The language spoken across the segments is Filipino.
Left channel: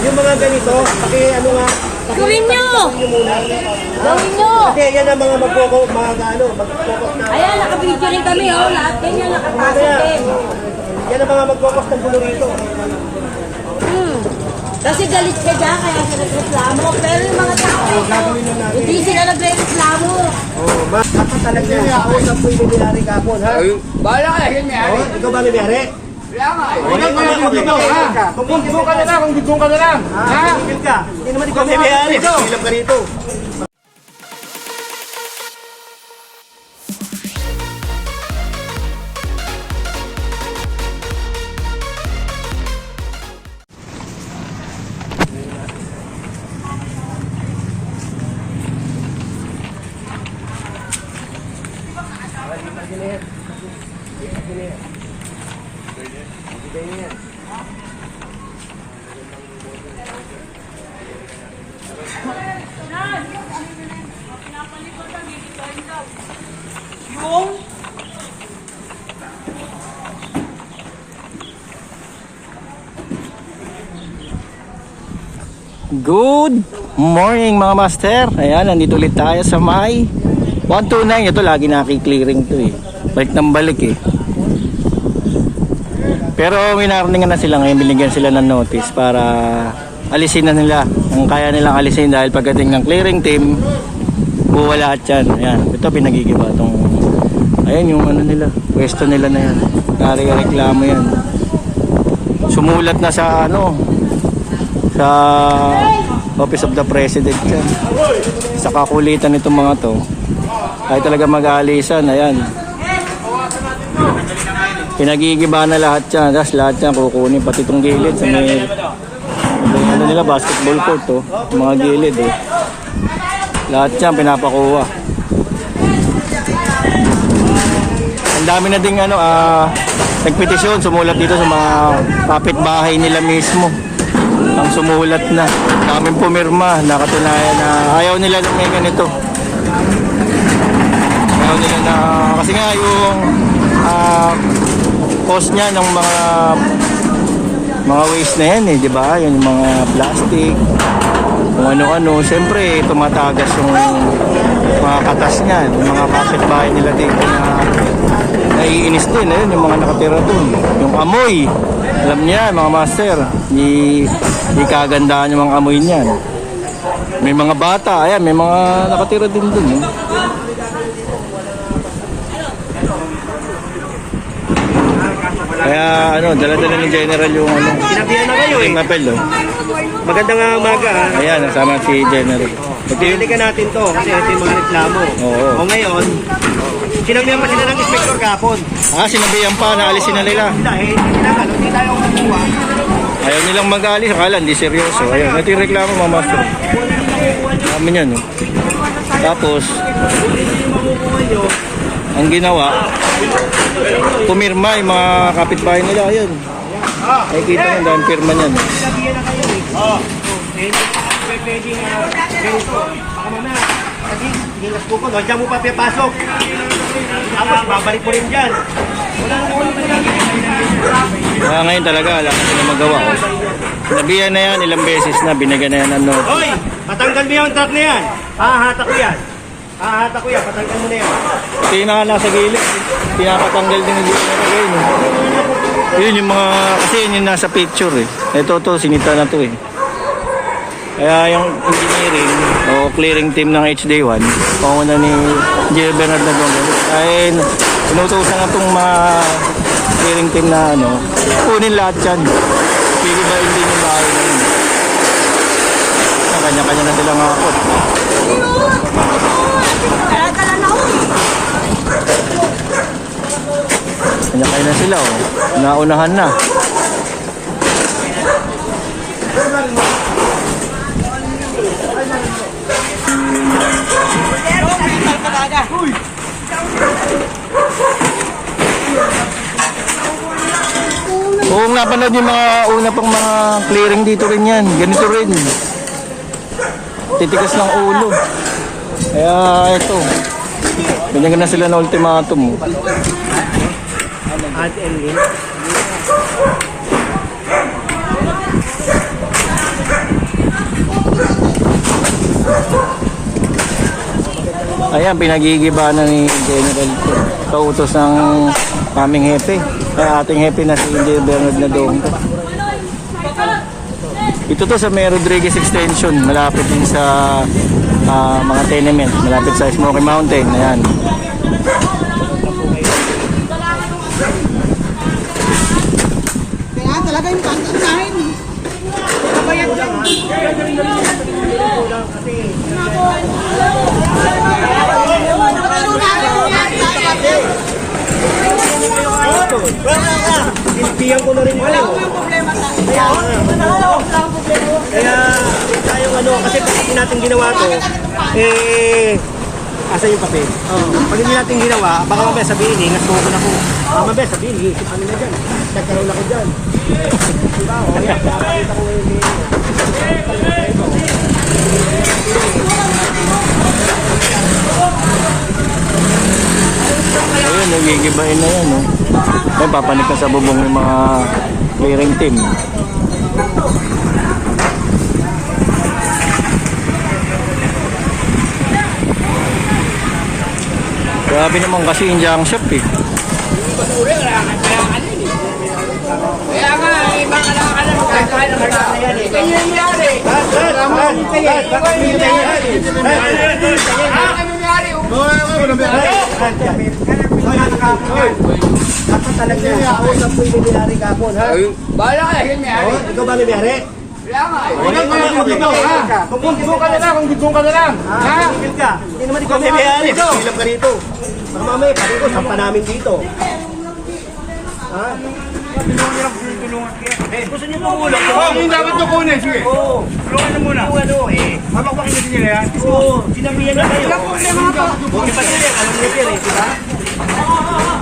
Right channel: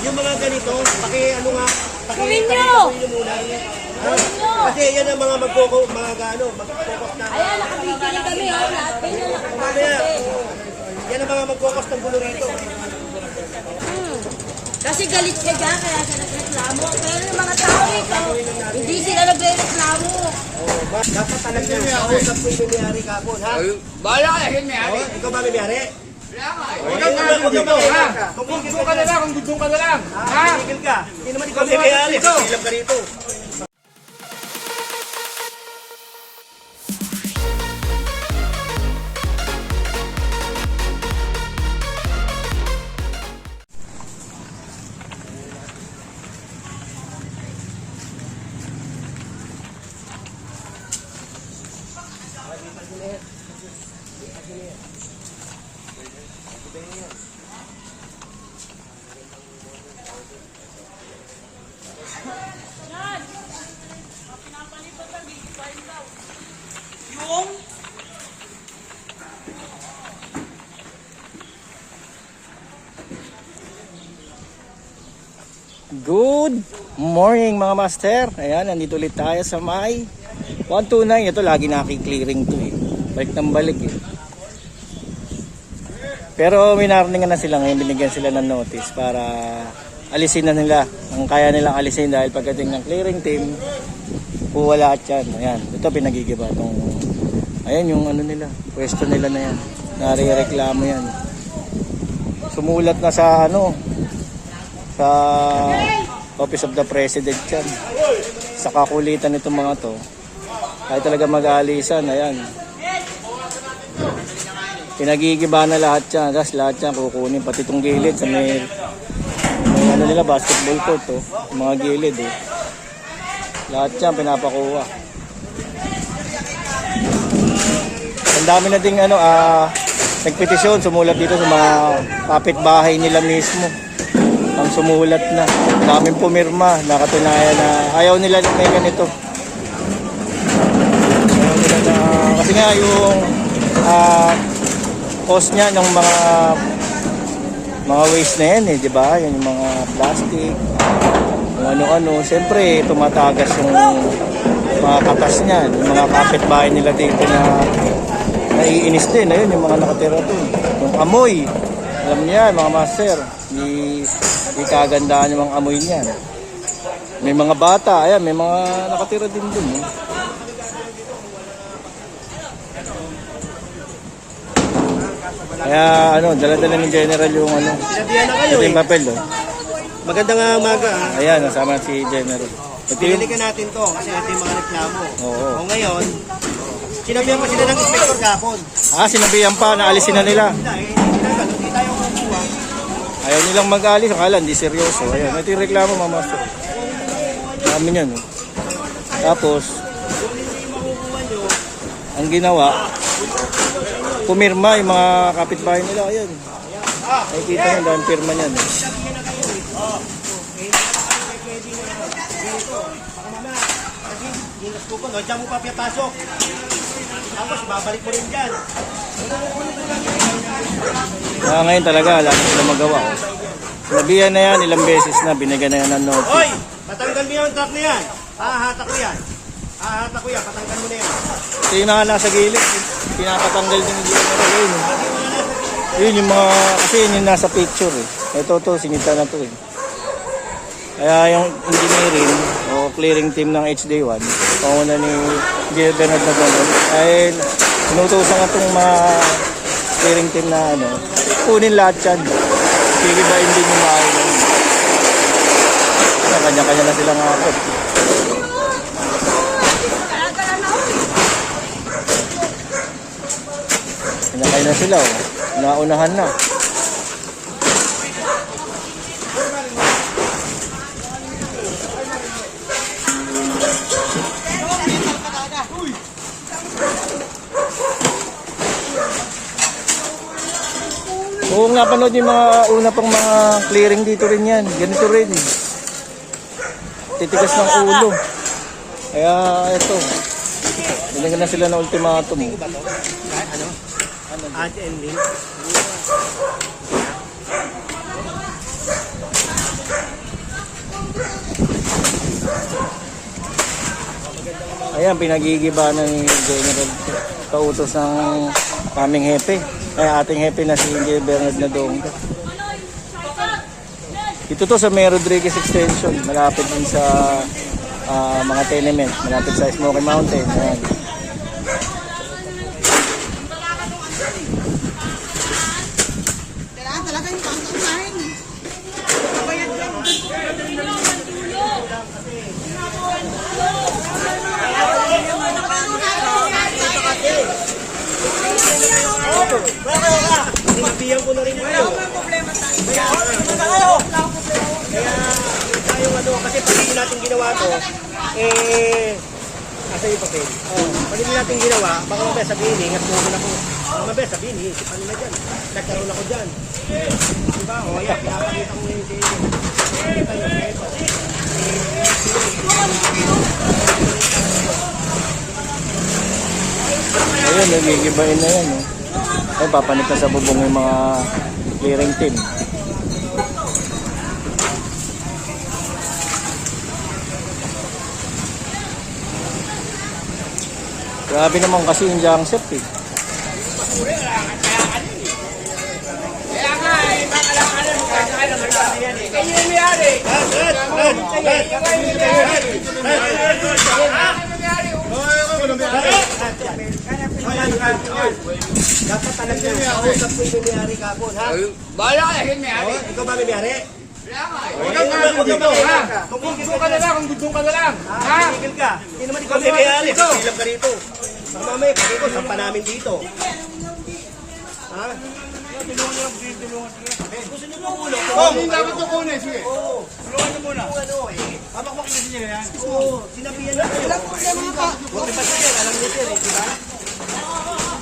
yung mga ganito, paki ano nga, paki, Gawin nyo! paki- muna. Gawin nyo! Kasi yan ang mga magfocus, mga ano, mag-focus na. Ayan, nakabidyo rin kami, oh. Lahat ganyan nakapasok Kaya, din. yan ang mga mag-focus ng bulo rito. Hmm. Kasi galit ka dyan, kaya siya nagreklamo. Pero yung mga tao rito, hindi sila nagre-reklamo. Oh, ma- dapat talaga yung kausap mo yung may-ari kapon, ha? Bahala ka, yun may Oh, ikaw ba may may-ari? Huwag kang mag-ibig ha? Kung ka na lang, kung bigong ka na lang. Ha? Tumigil ka. Hindi naman ikaw may may-ari. Ilang ka rito. Good morning mga master. Ayan, nandito ulit tayo sa may 129. Ito lagi nakiklearing to eh. Balik ng balik eh. Pero minarningan na sila ngayon. Binigyan sila ng notice para alisin na nila. Ang kaya nilang alisin dahil pagdating ng clearing team, buwa lahat yan. Ayan, ito pinagigiba tong Ayan yung ano nila, pwesto nila na yan. Nare-reklamo yan. Sumulat na sa ano, sa Office of the President yan. Sa kakulitan nitong mga to. Kahit talaga mag-aalisan, ayan. Pinagigiba na lahat yan. Tapos lahat yan kukunin. Pati itong gilid sa may, may ano nila, basketball court to. Yung mga gilid eh. Lahat yan pinapakuha. Ang dami na ding ano, ah, nagpetisyon, sumulat dito sa mga kapitbahay nila mismo ang sumulat na. Daming pumirma, nakatunayan na ayaw nila ng may ganito. Ayaw nila na, kasi nga yung ah, cost niya ng mga mga waste na yan eh, di ba? Yung mga plastic, kung ano-ano. Siyempre, tumatagas yung mga katas niyan, yung mga kapitbahay nila dito na naiinis din. Ayun, yung mga nakatira doon. Yung amoy, alam niya, mga master, di, di kagandaan yung mga amoy niyan. May mga bata, ayan, may mga nakatira din doon. Eh. Kaya ano, dala-dala ni General yung ano, Sinabihan na kayo eh. yung papel oh. Magandang umaga, ha? Ayan, nasama si General. Ito yung, natin to kasi ito yung mga reklamo. Oo. O ngayon, sinabihan pa sila ng inspector kapon. ah, sinabihan pa na alisin na nila. Hindi tayo kukuha. Ayaw nilang mag-alis, akala hindi seryoso. Ayun, ito yung reklamo mga master. Dami niyan, no? Tapos, ang ginawa, pumirma yung mga kapitbahay nila. Ayun. Nakikita nyo, dahil pirma niyan. no? Sinabihan na kayo eh. Oo. Eh, hindi pwede na ganito. Baka gilas po ko, no? Diyan mo pa pinapasok. Tapos, babalik mo rin dyan. Wala na naman naman yan. Kaya ngayon talaga, wala na sila magawa. Oh. Sinabihan na yan, ilang beses na, binigyan na yan ng notice. Hoy! Patanggal mo yung truck na yan. Hahata ko yan. Hahata ko yan. Patanggal mo na yan. Ito yung mga nasa gilid. Pinapatanggal din ng general yun. eh. Yun yung mga, kasi yun yung nasa picture eh. Ito to, sinita na to eh. Kaya yung engineering o clearing team ng HD1, panguna ni Engineer Bernard Nagongal, ay inutusan na itong mga clearing team na ano, kunin lahat yan. Sige ba hindi yung bahay na. Kanya-kanya na silang akot. Kanya-kanya na sila oh. Naunahan na. Oo nga panood yung mga una pang mga clearing dito rin yan. Ganito rin. Titikas ng ulo. Kaya ito. Binigyan na sila ng ultimatum. oh. Add Ayan, pinagigiba na ni General kautos ng aming hepe. Kaya ating hepe na si Engineer Bernard na Dongga. Ito to sa May Rodriguez Extension, malapit din sa ah, mga tenement, malapit sa Smoky Mountain. Ayan. Kaya talaga yung pangkain. Kabayad yan. Sinabihan ko na rin Wala ko yung problema sa Kaya, kaya, kaya yung ano, kasi pag hindi natin ginawa to, eh, asa yung papel? Oh, pag hindi natin ginawa, baka mamaya sabihin, ingat mo na ko. Baka mamaya sabihin, iisipan nila dyan. Nagkaroon ako dyan. Diba? Kaya, nakakita ko yung Ayun, nagigibain na yan, no? Ay, papanik na sa bubong yung mga clearing team. Grabe naman kasi yung junk shop eh. Kaya nga, eh, baka lang ka lang magkakain ng halaman yan eh. Kaya yung nangyari. Ano? Dapat talaga yung kausap ko yung may-ari kapon, ha? Bahala ka, yung nangyari. Oh, ikaw ba may may-ari? Kaya nga eh. Huwag kang ha? Kung gusto ka na lang, kung gusto ka na lang. Ha? Tumigil ka. Hindi naman ikaw may may-ari. Ilang ka rito. Baka mamaya, pati ko, sampa namin dito. Ha? Eh, gusto niyo tumulong? Oh, yung dapat ko kunin, sige. Oo. Tulungan niyo muna. Kung ano eh. Mapakwakin niyo nila yan. Oo, sinabihan na kayo. Huwag iba sir, eh, alam niyo sir eh, di ba?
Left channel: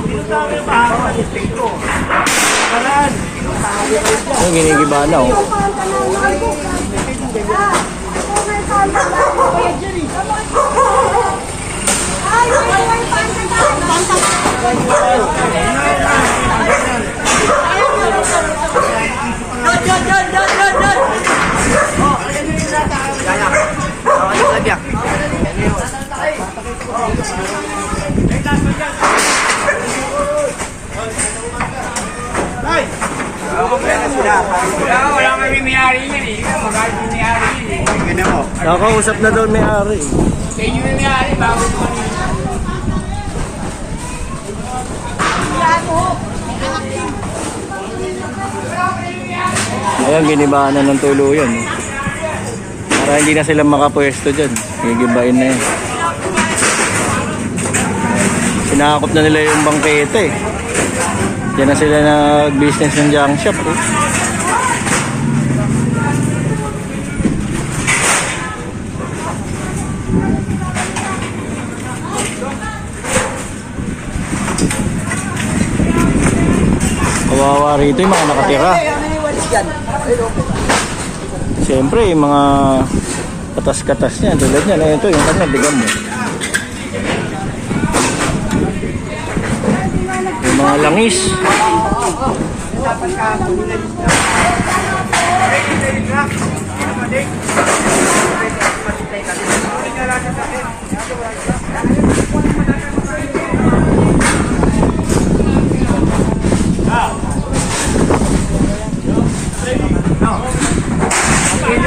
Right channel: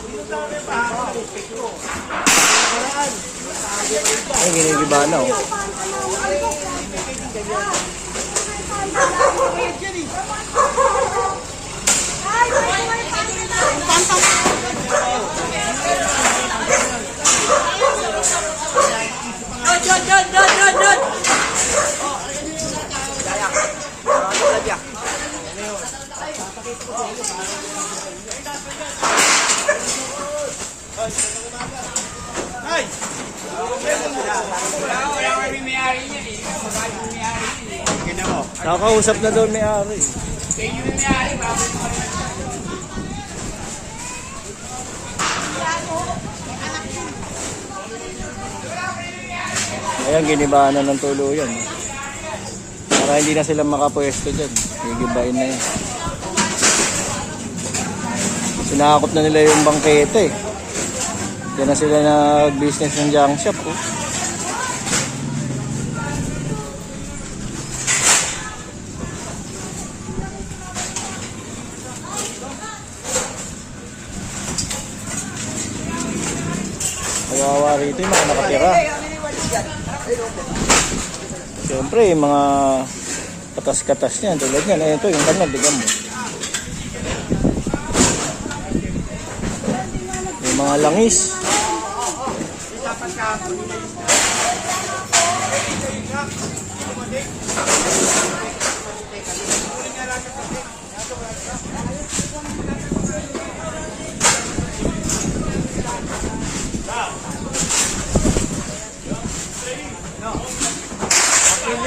Dito sa akin, mahaba ng inspekto. Karaan. Ayun, ginigiba na, oh. Wala, wala kami may-ari yan eh. Magkakain yung may-ari yan eh. Nakausap na doon may-ari. Kaya yung may-ari, bakit mo yun? Ayan, ginibahan na ng tuluyan. Eh. Para hindi na sila makapwesto dyan. Gigibain na yan. Sinakop na nila yung bangkete. eh. Diyan na sila nag-business ng junk shop. Oh. Kawawa rito yung mga nakatira. Siyempre, yung mga katas-katas niya, tulad niyan, eh, ito yung kanya, bigyan mo. Yung mga langis. Ayan,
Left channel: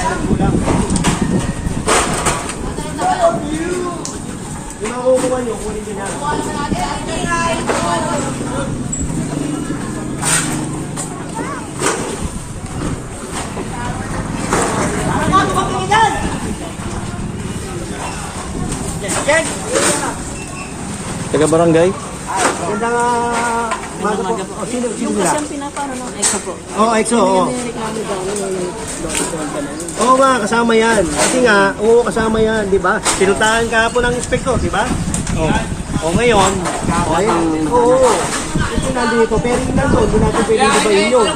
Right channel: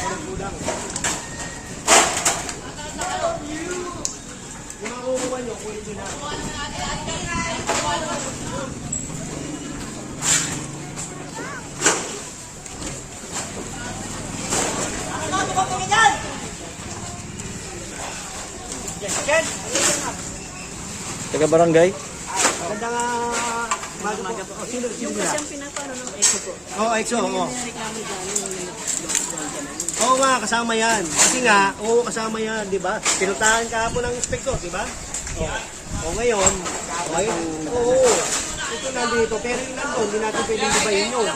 tayo nagkulang eh. Hindi tayo nagkulang. Yung makukuha nyo, kunin nyo na. Taga barangay. Uh, umaga po. Oh, sino, sino sila? Siyang pinapano ng exo po. Oo, oh, EXO, oo. Reklamo yung dolda na yun. Oo nga, kasama yan. Kasi nga, oo, kasama yan, di ba? Pinuntahan ka po ng inspektor, di ba? O, o ngayon, o, eh, oo, ito nandito, pero yung nandun, hindi natin pwedeng libayin yun.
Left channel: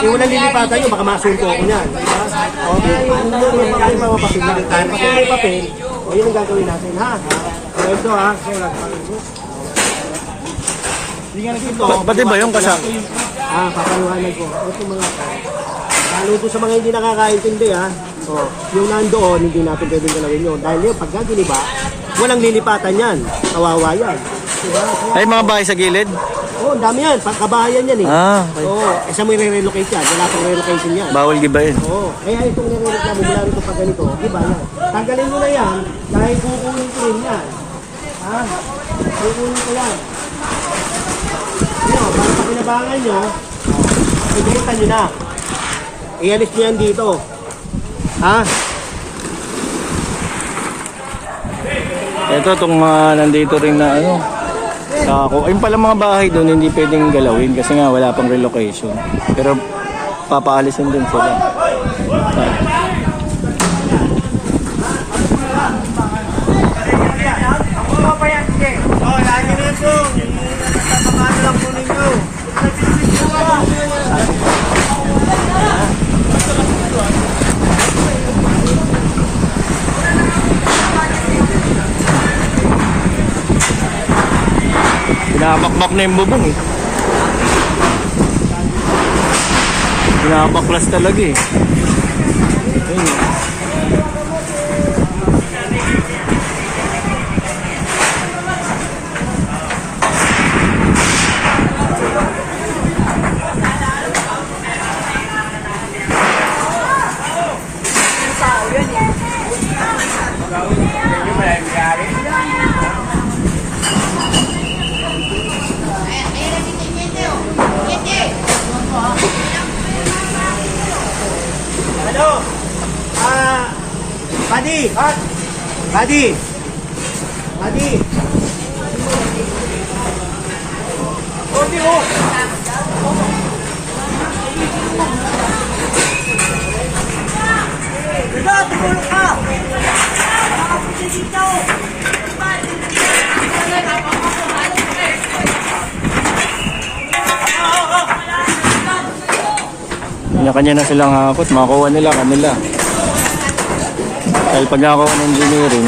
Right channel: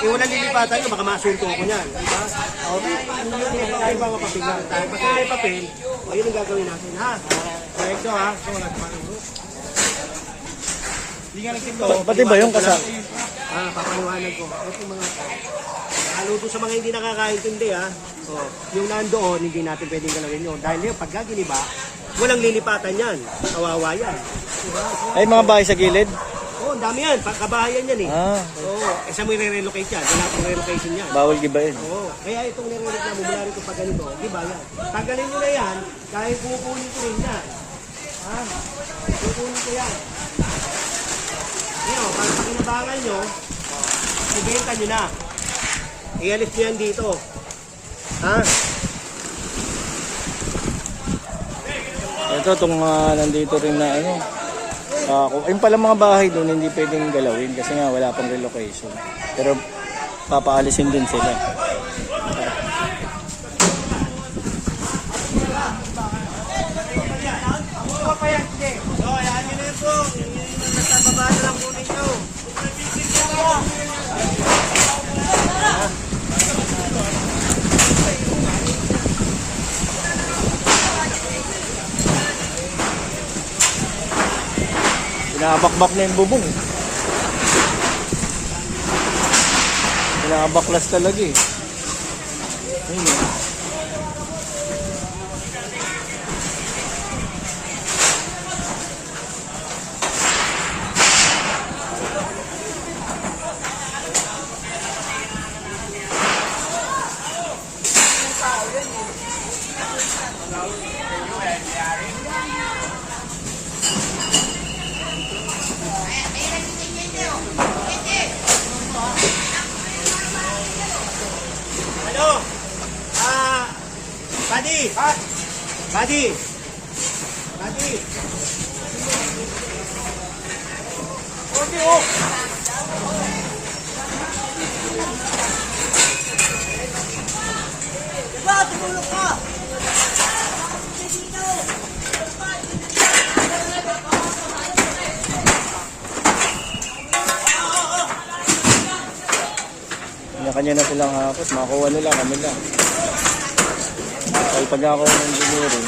Eh, walang lilipatan yun, baka masunto ako niyan. Diba? O, kaya yun, yun, may, papel lang. Pag may papel, o, yun ang gagawin natin, ha? O, ito, ha? Ito, Pa- pati ba yung kasa- Ah, papaliwanag ko. Ito mga to. Lalo to sa mga hindi nakakaintindi ha. Oh, yung nandoon, hindi natin pwedeng galawin yun. Dahil yung pagka giniba, walang lilipatan yan. Kawawa yan. Diba? Kaya, Ay, mga bahay sa gilid? oh, ang dami yan. Pagkabahayan yan eh. Ah, okay. Oo, oh, eh, saan mo i-relocate yan? Wala pang relocation yan. Bawal gibayin. Oo, kaya itong nire-reklamo mula rito pag ganito, di ba yan? Tanggalin mo na yan, dahil kukunin ko rin yan. Ha? Kukunin ko yan. Yun, para sa kinabangan nyo, ibenta nyo na. Ialis nyo yan dito. Ha? Ito, itong mga nandito rin na ano. Ako, ayun pala mga bahay doon hindi pwedeng galawin kasi nga wala pang relocation. Pero papaalisin din sila. Oh, yan nyo na ito. Binabakbak na yung bubong eh. Binabaklas talaga eh. Ayun eh. Buddy! Buddy! Konti oh! Ito, tumulong ka! Makapunti dito! Kanya-kanya na silang hakot. Makuha nila kanila. Dahil pag ako ng engineering,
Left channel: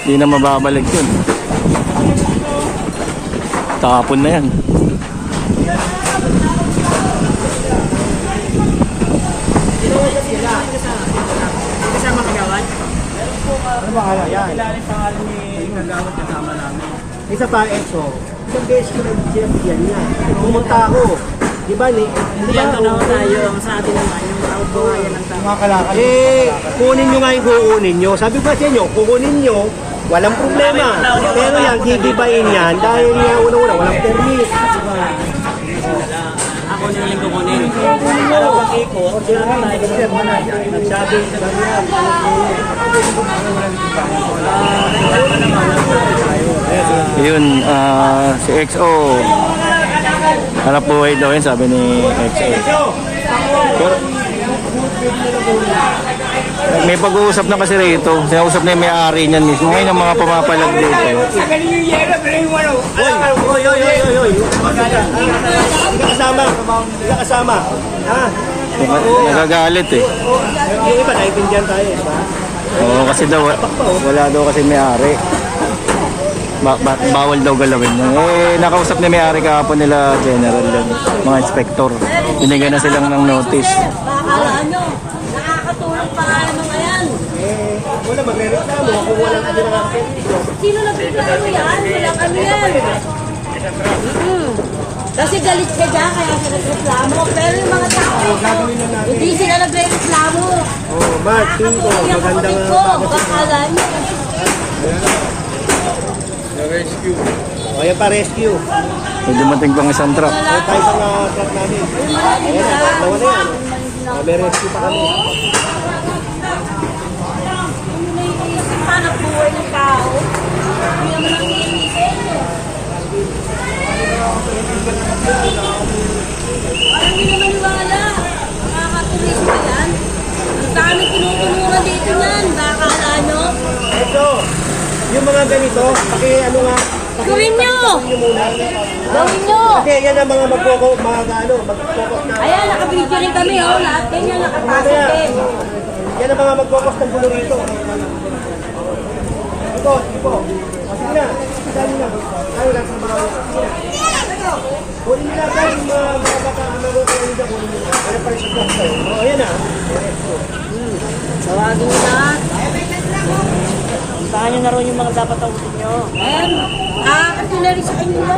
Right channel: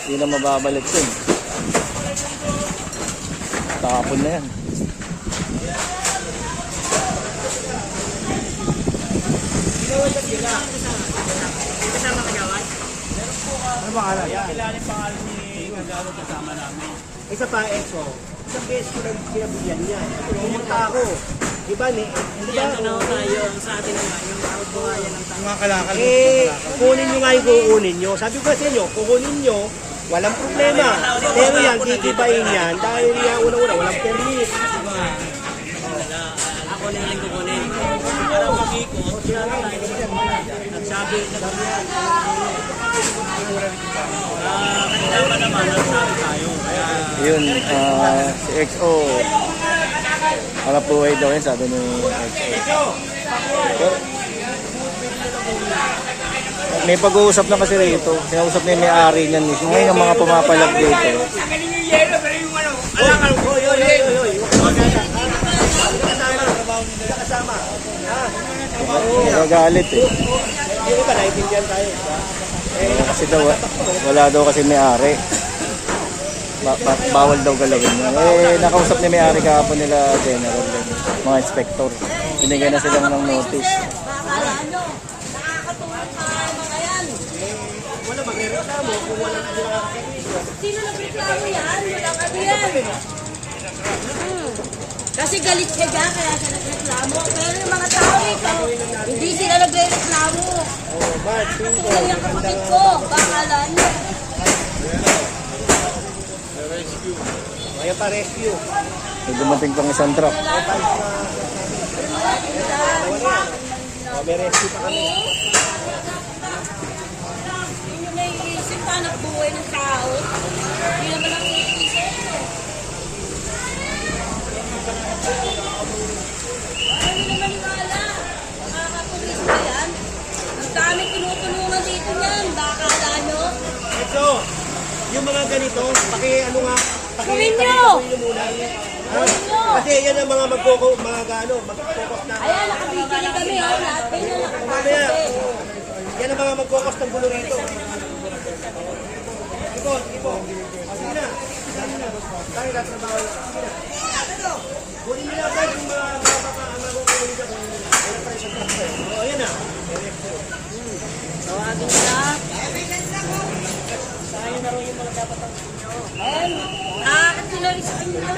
hindi na mababalik yun. Tapon na yan. Isa pa, Exo. Isang beses ko lang sinabigyan niya. Pumunta ako. Di ba, ni? Di ba, Ano tayo, ang sa atin naman, yung kabuhayan ng tao. Eh, kunin nyo nga yung kukunin nyo. Sabi ko sa inyo, kukunin nyo, walang problema. Pero yan, gigibain yan dahil nga unang-una, walang permit. Ako na lang kukunin. Para pag-ikot, nagsabi, sabi yan, Yun, ah, si XO. Hanap buhay daw yun, sabi ni XO. Pero, may pag-uusap na kasi rito. Sinausap na yung may-ari niyan mismo. Ngayon ang mga pumapalag dito. Oy, oy, oy, oy, oy, kasama. Kasama. Ha? Nag- Nagagalit eh. Yung iba, naiintindihan tayo? Oo, kasi daw, wala daw kasi may-ari. Ba- ba- bawal daw galawin niya. Eh, nakausap ni may-ari kahapon nila general yan. Mga inspector. Binigyan na silang ng notice. Bakalaan nyo. Nakakatulong pa yung mga yan. Eh, wala magre-reklamo kung wala ka ginagawa. Sino nagreklamo yan? Ano yan. Mm. Kasi galit ka dyan, kaya siya nagreklamo. Pero yung mga tao, hindi sila nagre-reklamo. Oh, Mark, Tingo, Kaya magandang kapatid ko, bakalaan nyo. O, yan pa rescue. May dumating pang isang truck. Ayan pa isang uh, truck namin. Ayan, nawala yan. O, may rescue pa kami. Hindi naiisip pa ng buhay ng tao. Hindi naman ang iisip. Ano naman maniwala? Nakakatulis ba yan? Ang dami tinutulungan dito yan. Baka ano? Ito, yung mga ganito, paki ano nga, paki, Gawin nyo! paki- muna. Gawin nyo! Kasi yan ang mga magkoko, mga ano, magkokos na. Ayan, nakabidyo rin kami, oh. Lahat yan yung nakapasok din. yan ang mga magkokos ng gulo rito. Ito, ipo. Sige na. Sige na. Tayo lang sa mga Sige na. Kunin nila tayo yung mga mga baka ano ko kunin nila kunin nila. Kaya pa rin sa class tayo. O, ayan na. Tawagin nyo lahat. Saan nyo na rin yung mga dapat tawagin nyo? Eh, ah, kasi na rin sa kanila.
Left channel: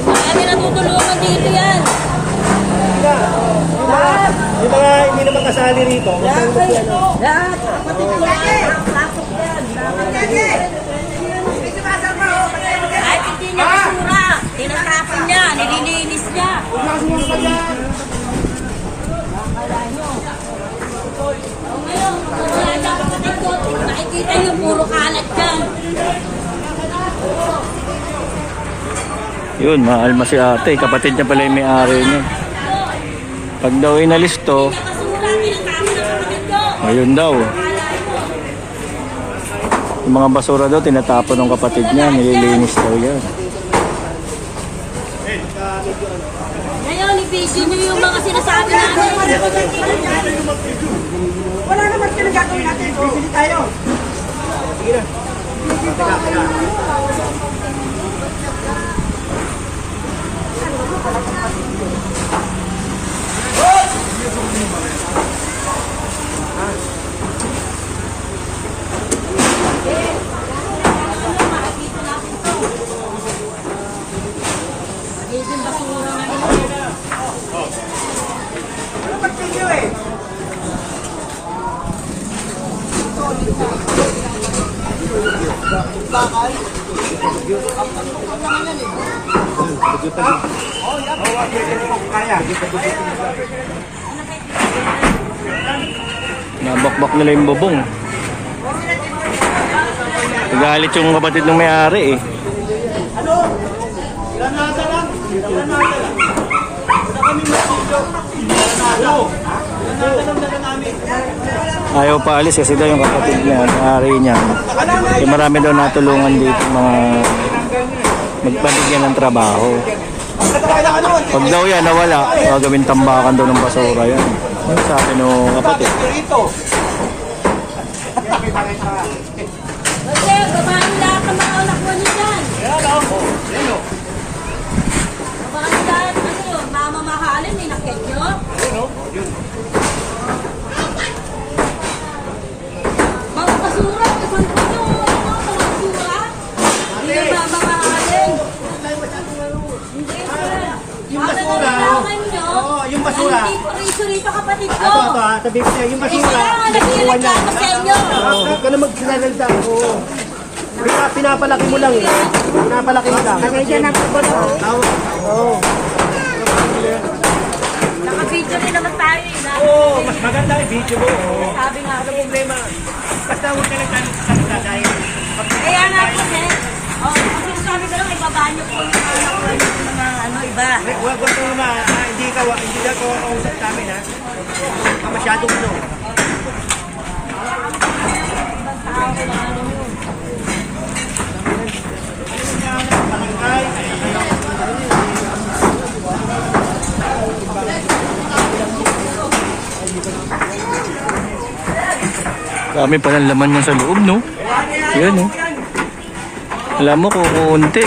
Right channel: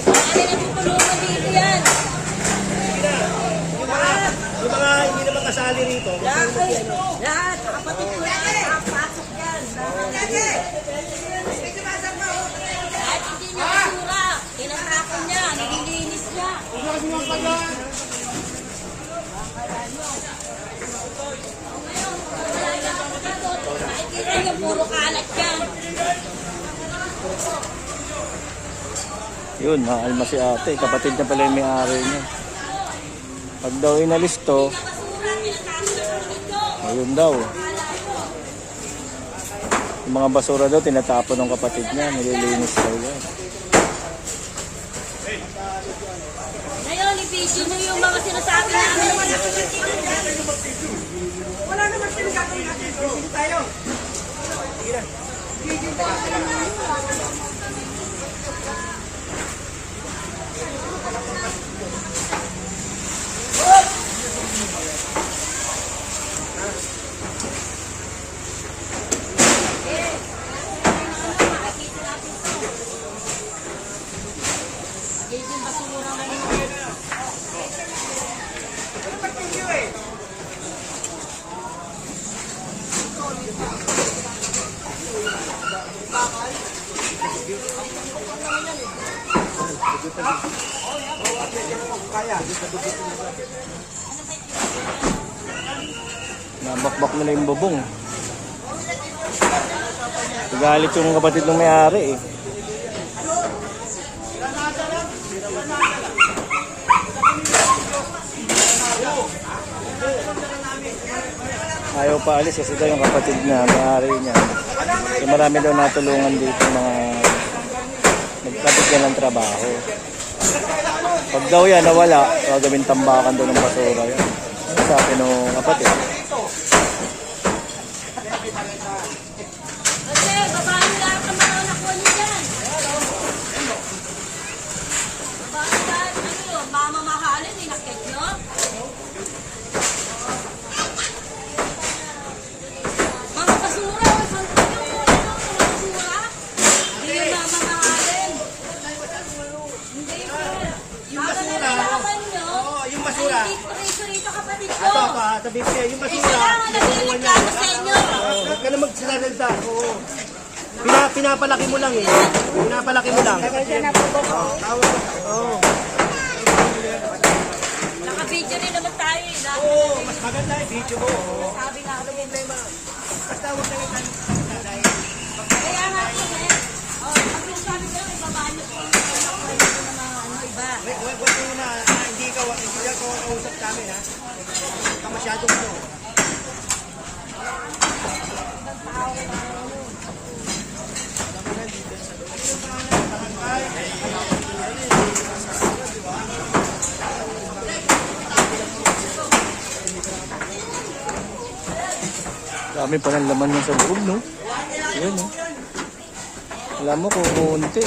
Kami natutulungan dito yan. Yung mga, yung mga hindi naman kasali rito. Kung saan mo ano. Lahat, kapatid ko lang, nakapasok yan. Kahit hindi niya basura, tinatapon niya, nililinis niya. Yun, maalma si ate. Kapatid niya pala yung may-ari niya. Pag daw inalis to, ayun daw. Yung mga basura daw, tinatapon ng kapatid niya. Nililinis daw yan. Ngayon, i-video niyo yung mga sinasabi namin. Wala naman pinagagawin natin. Bibili tayo. Nabakbak 那个人。Nila yung bubong. Nagalit yung kapatid ng may-ari eh. Ayaw pa alis kasi daw yung kapatid niya, may-ari niya. Eh, marami daw natulungan dito mga magpabigyan ng trabaho. Pag daw yan nawala, gagawin tambakan daw ng basura yan. Yung sabi nung kapatid. Kasi, babahan lahat ng mga anak mo niyo dyan. Babahan lahat, ano yun, mamamahalin, ninakit nyo. Mga basura, saan po nyo? Mga basura? Hindi na mamamahalin. Hindi, sir. Yung Sabi basura, ng kailangan nyo, oo, yung basura. ay Hindi po rito rito kapatid ko. Ito, ito, ah, sabihin ko sa'yo, yung Eh, basura. kaya nga nagkireklamo sa inyo. Oo, huwag ka na magsasalita. Oo. Pina, pinapalaki mo lang eh. Pinapalaki mo lang. Kaya na po ba? Oo. Naka-video rin naman tayo eh. na- Oo, mas maganda yung video mo. Sabi nga, Ano problema? Basta huwag ka lang salita dahil Kaya nga po, eh. Oh, kasi sabi ko lang, ibaba niyo po yung mga nakuha niyo ng mga ano, iba. Wag wag wag ma, ah, hindi ko kausap sa amin ha. Ka masyadong ano. Dami pa ng laman yung sa loob, no? Yan, no? Alam mo, kukunti.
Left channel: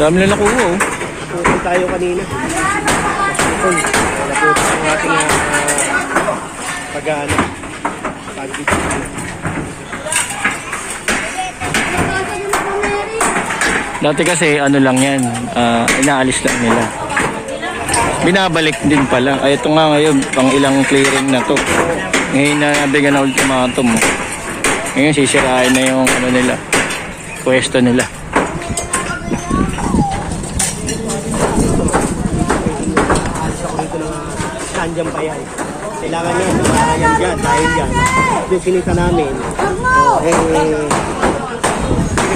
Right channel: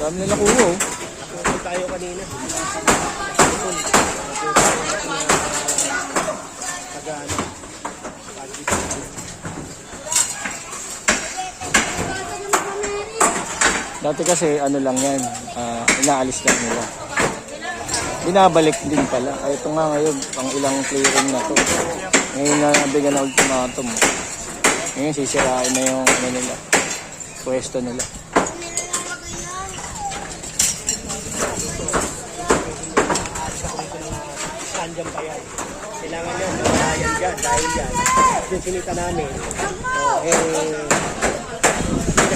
Dami na nakuha, oh. Pupunta tayo kanina. Dati kasi, ano lang yan, ah, inaalis lang nila. Binabalik din pala. Ay, ito nga ngayon, pang ilang clearing na to. Ngayon na nabigyan na ultimatum. Ngayon, sisirain na yung ano nila, pwesto nila. Nandiyan pa yan. Kailangan yan. Kailangan dyan. Dahil yan. Yung sinita namin. Oh, eh,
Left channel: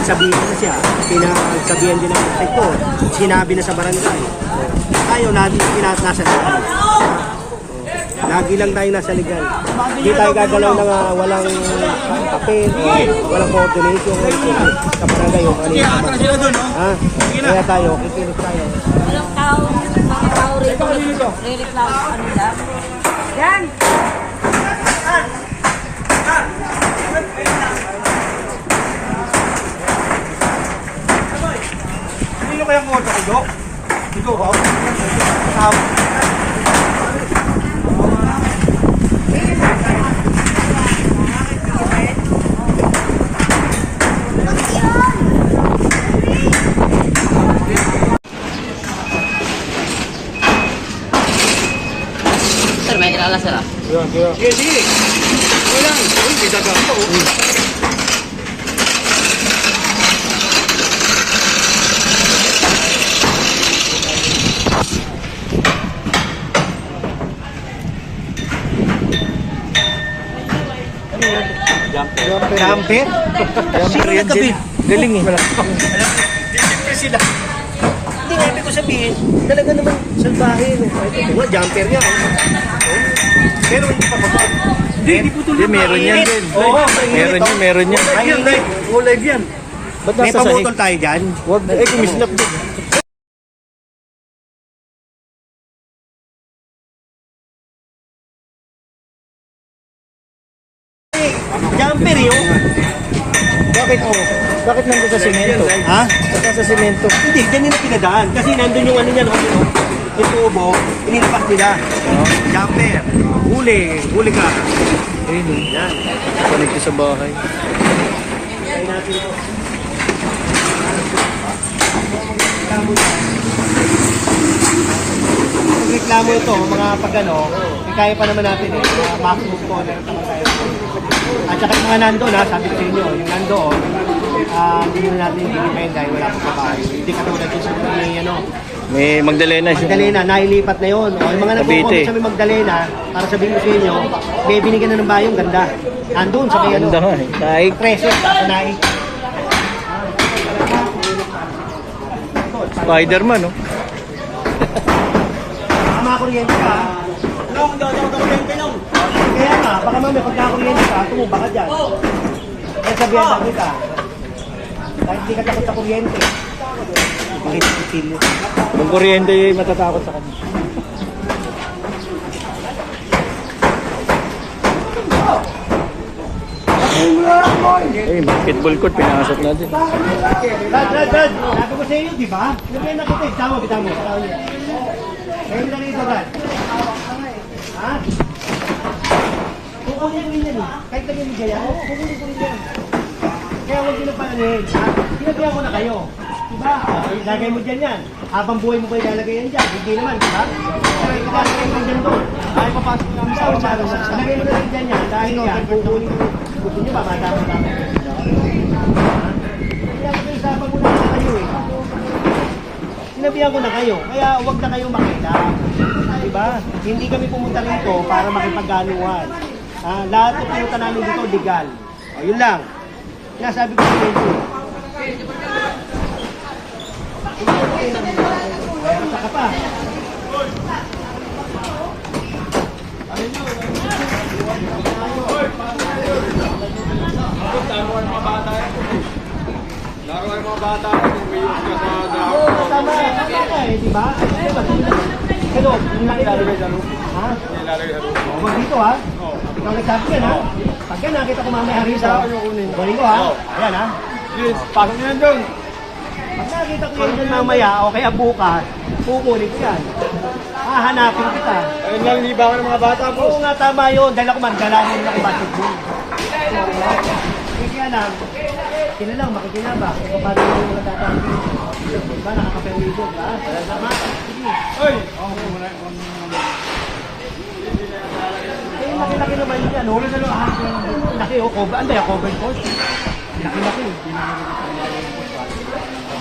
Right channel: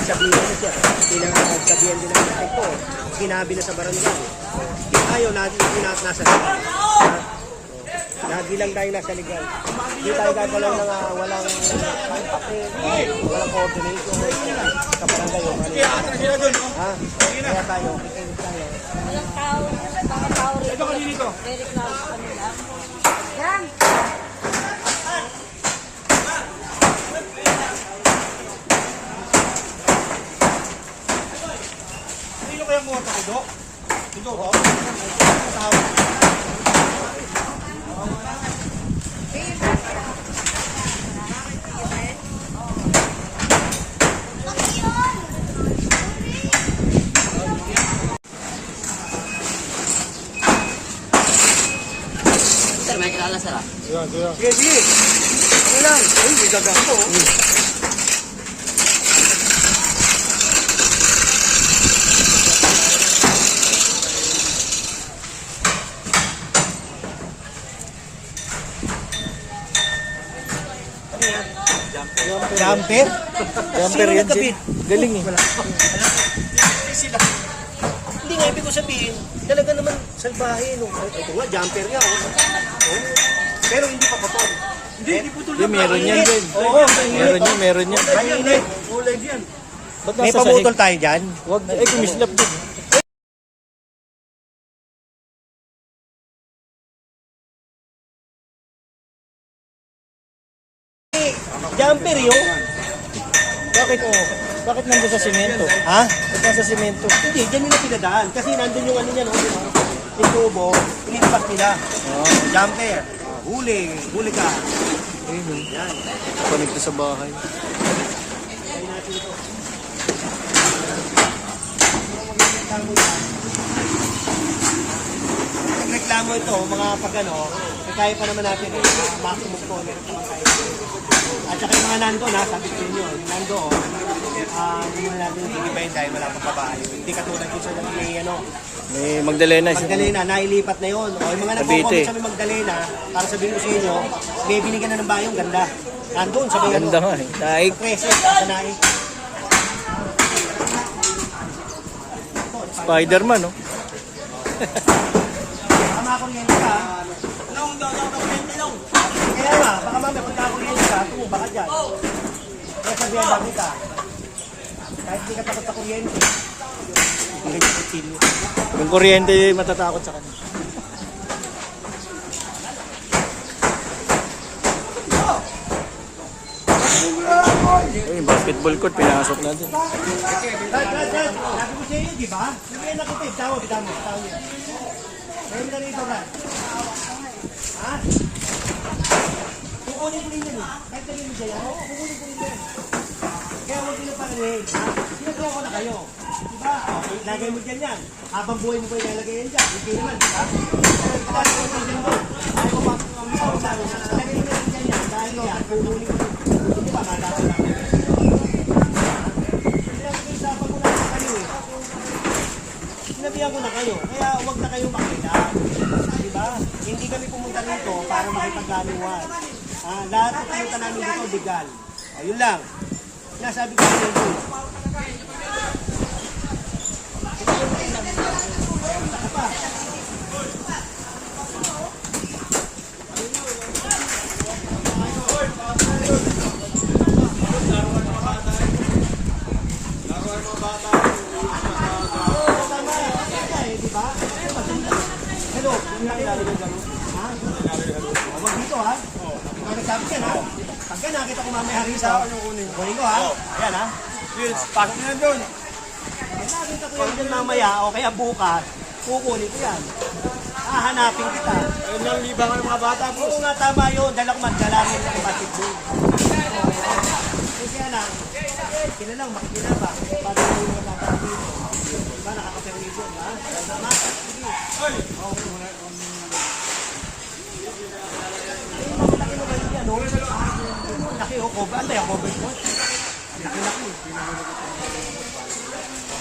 pinagsabihan na siya. Pinagsabihan din ang ko. Sinabi na sa barangay. Ayaw lagi pinat nasa sa Lagi lang tayo nasa legal. Hindi tayo gagalaw ng ah, walang papel, walang coordination sa barangay o kanina. Ha? Kaya tayo, kikilos tayo. Walang tao, mga tao rito. Rireklamo sa kanila. Yan! Sino kaya mo sa kudo? Ikaw ba? Kasama. Sir, may kilala sir ah. Hindi. Ilang? Uy, may dagang to. Jumper? Jumper yan, Jin. Galing eh. sila. Hindi nga, ibig ko sabihin, talaga naman salbahe. No? Ito nga, jumper yan. Oh. Pero hindi pa kapag. Hindi, hindi po Hindi, meron yan din. Oo, Meron yan, meron yan. Live. Oh, live yan. Ba't May nasa sahig? pamutol tayo dyan. Wag, eh, kumislap din. Bakit mo? Bakit nandun sa simento? Ha? Ba't nasa simento? Hindi, dyan nila pinadaan. Kasi nandun yung ano niya, no? Yung, yung tubo, inilipat nila. Oo. Jumper. Huli. Huli ka. Ayun oh. Yan. Connect sa bahay. Try natin yan. Pag reklamo ito, mga pag ano, kaya pa naman natin eh. Mga maximum tolerance naman tayo. At saka yung mga nandun ha, sabi ko sa inyo, yung nandoon, ah, hindi mo natin i-depend dahil wala pang babae. Hindi katulad yung sa may ano, May Magdalena siya. Magdalena, nailipat na yun. O, yung mga Cavite. nagpo-comment sa may Magdalena, para sabihin ko sa inyo, may binigyan na ng bayong ganda. Andun sa may ano, Ganda nga eh. Kahit preso, sa naik. Spider-Man oh. Baka makakuryente ka. Long, daw, daw, kuryente long. Kaya nga, baka mamaya pagka kuryente ka, tumumba ka dyan. Kaya sabihan lang kita. Kahit hindi ka takot sa kuryente. Hindi kutsilyo. Kung kuryente matatakot sa kanya. Eh, basketball court, pinasok natin. Brad, Brad, Brad, sabi ko sa iyo, di ba? Sabihan na kita, tama, kita mo. Ngayon na rito, Brad. Ha? Kukunin ko rin yan eh. Kahit kanya mo yan, kukunin ko rin yan. Kaya huwag din ang pananin. Sinabihan ko na kayo. Diba? Okay, lagay mo dyan yan. Habang buhay mo pa ilalagay yan dyan. Hindi naman, diba? Okay, ilalagay mo dyan doon. Ay, papasok mo sa usapan na. Ilagay mo na lang dyan yan. Dahil yan, kukunin ko. Gusto nyo ba, matapang lang. Pinag-uusapan ko na kayo eh. Sinabihan ko na kayo, kaya huwag na kayo makita. Diba? Hindi kami pumunta rito para makipaggaluhan. Ah, lahat ng pinunta namin dito, legal. O, yun lang. Sinasabi ko sa inyo. Saka pa. Oo, tama. Tama ka eh, di ba? Diba, sino na- Hello, hindi na ilalagay sa loob. Ha? Oo, wag dito ha. Ikaw nagsabi yan ha. Pag yan nakita ko mamaya rito, kukunin ko ha. Ayan ha. Pasok na doon. Pag nakita ko yan dyan mamaya o kaya bukas, kukunin ko yan. Hahanapin kita. Ayun lang, liba ko ng mga bata po. Oo nga, tama yun. Dahil ako magdala mo rin ako basketball. Hindi kaya lang, sila lang makikinabak. Kung paano yung mga tatawag dito. Diba, nakakapermiso, ba? Tama. Sige. Oy! Eh, laki-laki naman yan. Oh. Laki, oh. Cover. Ano yung cover court? Laki-laki.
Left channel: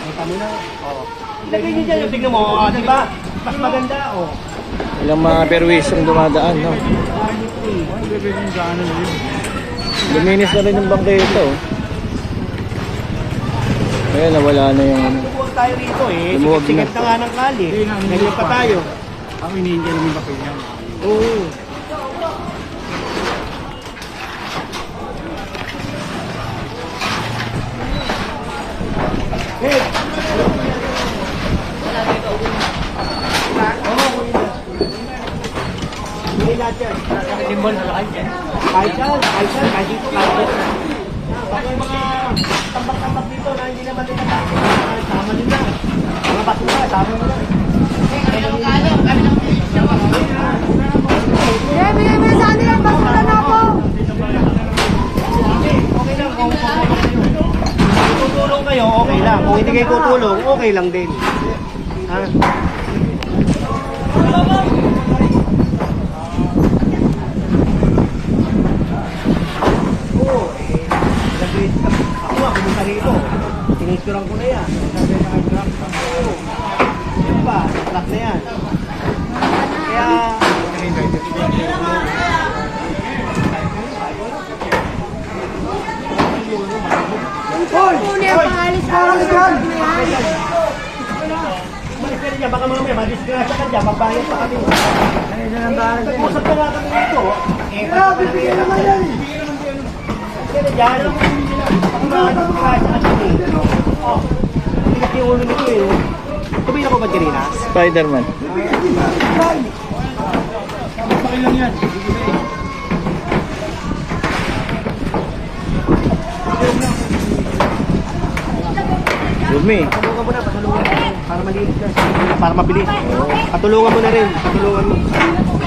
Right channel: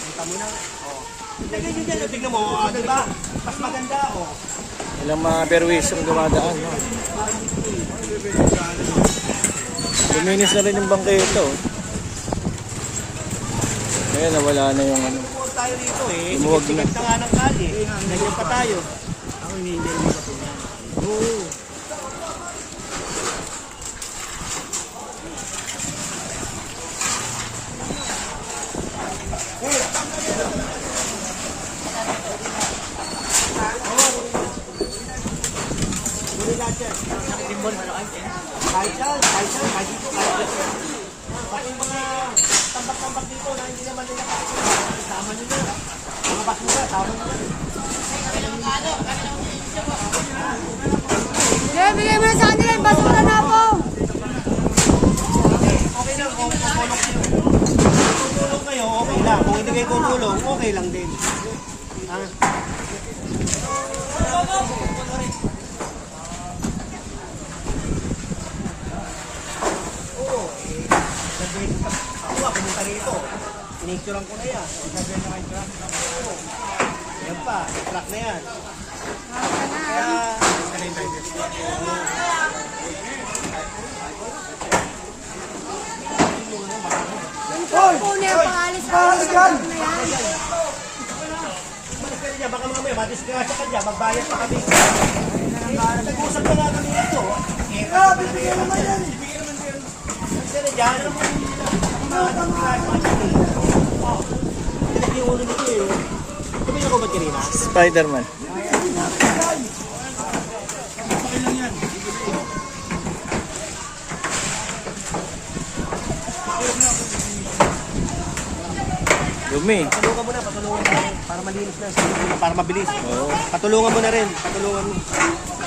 Kita mo na. Oh. Ilagay niyo dyan. yung Tignan mo. Oh, di ba? Mas maganda, oh. Ilang mga perwis ang dumadaan, no? Luminis na rin yung bangketa, oh. Ayan, nawala na yung ano. Tayo rito, eh. Lumuwag Sikat na. na nga ng kali. Nagluwag pa tayo. Ang hinihingi naman kape niya. Oo. Hindi lahat yan. Simbol sa kanya. Kahit yan, kahit kahit dito, kahit dito. Yung mga tambak-tambak dito na hindi naman nila sama nila. Mga basura, sama nila. Na basura na ako. Okay lang kung tutulong kayo. Kung tutulong kayo, okay lang. Kung hindi kayo tutulong, okay lang din. Ha? Oo, eh, sabi, ako nga, pumunta rito. Tinicturean ko na yan. Yan pa, truck na yan. Kaya, Umalis ka na dyan, baka mamaya madisgrasya ka dyan, magbayad pa kami. Nag-usap na nga kami dito. Eh, bibigyan naman yan. Na dyan. Baka madisgrasya ka dyan eh. Oh, tigas yung ulo nito eh. Tumira ko ba kanina? Spider-Man. Dumi. Na, patulungan mo na. Para malinis na. Para mabilis. Patulungan mo na rin. Patulungan mo.